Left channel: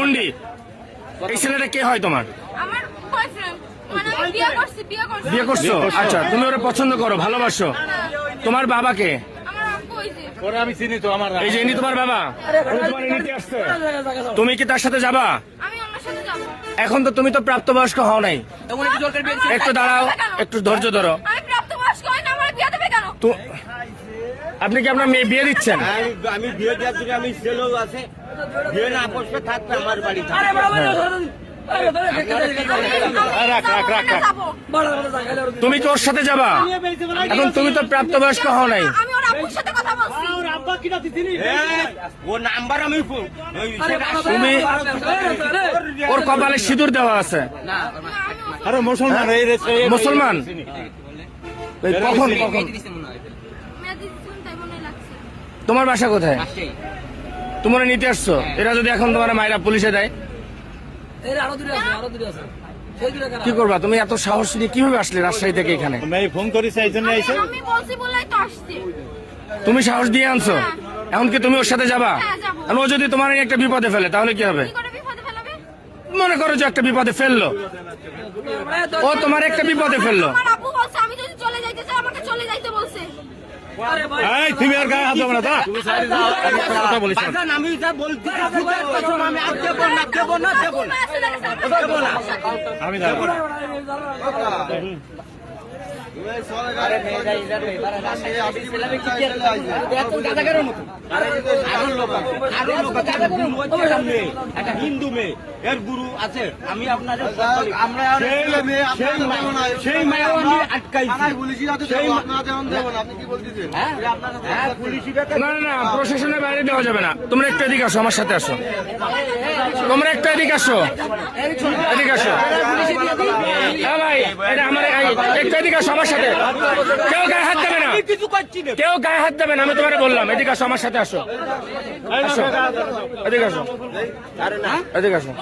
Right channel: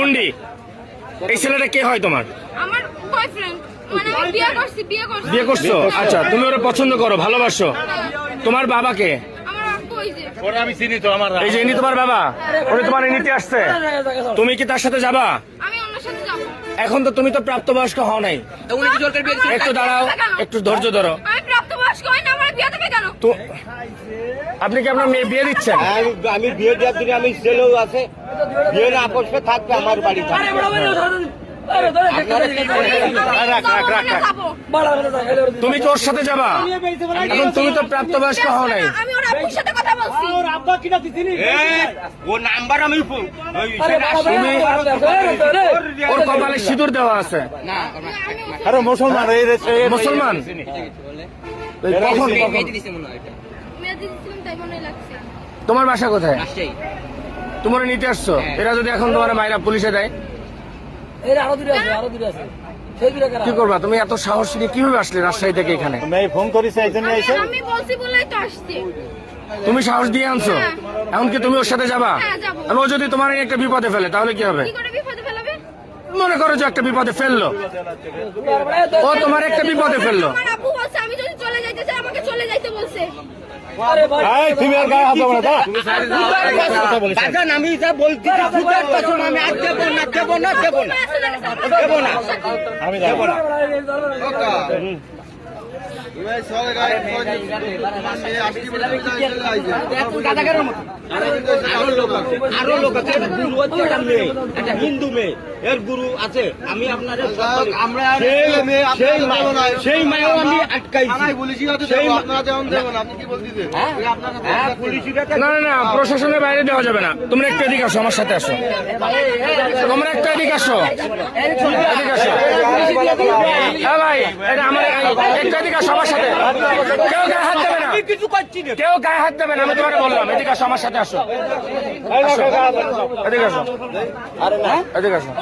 বুন্ডি, এই ছেলেটা কে হয় তোমার? আমার বয়ফ্রেন্ড, মানে আমি বিয়ে করছি। বিয়ে করছো? আচ্ছা, তুমি ওরা পছন্দ করো, ভালোবাসো। তোমার বাবা কে? আমার আব্বু ওই যে। ওরা আমি চিনি তো, আমার এই যে ইনি তোমার বাবা, ওরা তোমার নিতে আসছে। তুমি কি তার সাথে যাবা? আমি ওনার সাথে যাবো। এখন তো তুমি তো প্রাপ্তবয়স্ক হও নাই। একটু দাঁড়াও, একটু ধৈর্য ধরো। আমি প্রাপ্তবয়স্ক হই না, আমার বিয়ে দেবে কেন? তো আপনি কি আপনার মেয়ে বিয়ে দিচ্ছেন? আমি বিয়ে দেওয়ার জন্য আমি ছেলেও আছে, বিয়ে না বসবে থাকবে আমার বাড়ি থাকবে। তুমি কি ওর সাথে যাবা? এখন তুমি তো প্রাপ্তবয়স্ক হও নাই। আমি ওর আব্বুর সাথে কথা বলছি। ও নাম্বার আমি তুমি ওর কপালে সিঁদুর দেওয়া আছে। আরে মুসলমান মুসলমান? কখন? মেয়ে দিচ্ছিলাম, তাই মনে লাগছে। তোমার বাসা কোথায়? তোমরা নিতে আসছো? এরা যদি এখন তোমার মায়েরা পুলিশে দেয় কি করবা? তুমি এত সাহস নিয়ে কিভাবে আসলে রাজশাহী থেকে এখানে? মেয়ে ফোন করেছে এই জন্য এসে আমি বলছি বলেই তো আসছি। তুমি সাহস দিয়ে আনছো, এখন কি তুমি ওর সাথে যাবা? হ্যাঁ, যাবো। আর ও যদি তোমার একটা বিপদে ফেলে তাহলে কি হবে? কি করে বিপদে ফেলবে? মনে করো যে একটা বিপদে ফেললো, ও তোমার একটা বিপদে ফেললো। আমার আব্বু বলছে আমি যদি চলে যাইতে চাই আমাকে চলে যাইতে বলছে। তুমি আর গায়ে হাত দেবো না, আমি যা বলছি আমি আর দেবো না দেবো না দেবো না দেবো না আমি যাবো না। আরো লোক আছে, একটা গুরু হচ্ছে, একটা মেয়ে, একটা হিন্দু মেয়ে, এর গুরু আছে। আমি আপনাদের আমরা সেই মায়ের আমি আটকাইছি। না না না, প্রশাসনের বাইরে দেওয়া যাবে না। তোমরা একটু এদিকে আসো, আমার সাথে আসো। তোমরা একটু এদিকে আসো, এদিকে আসো। হ্যাঁ ভাই, এটা আমার একটু এদিকে আসো আমার সাথে। কেউ গায়ে হাত দেবে না, কেউ গায়ে হাত দেবে না, আমি তোমাকে বললাম। এদিকে আসো, আমার সাথে আসো। আসো, এদিকে আসো, এদিকে আসো।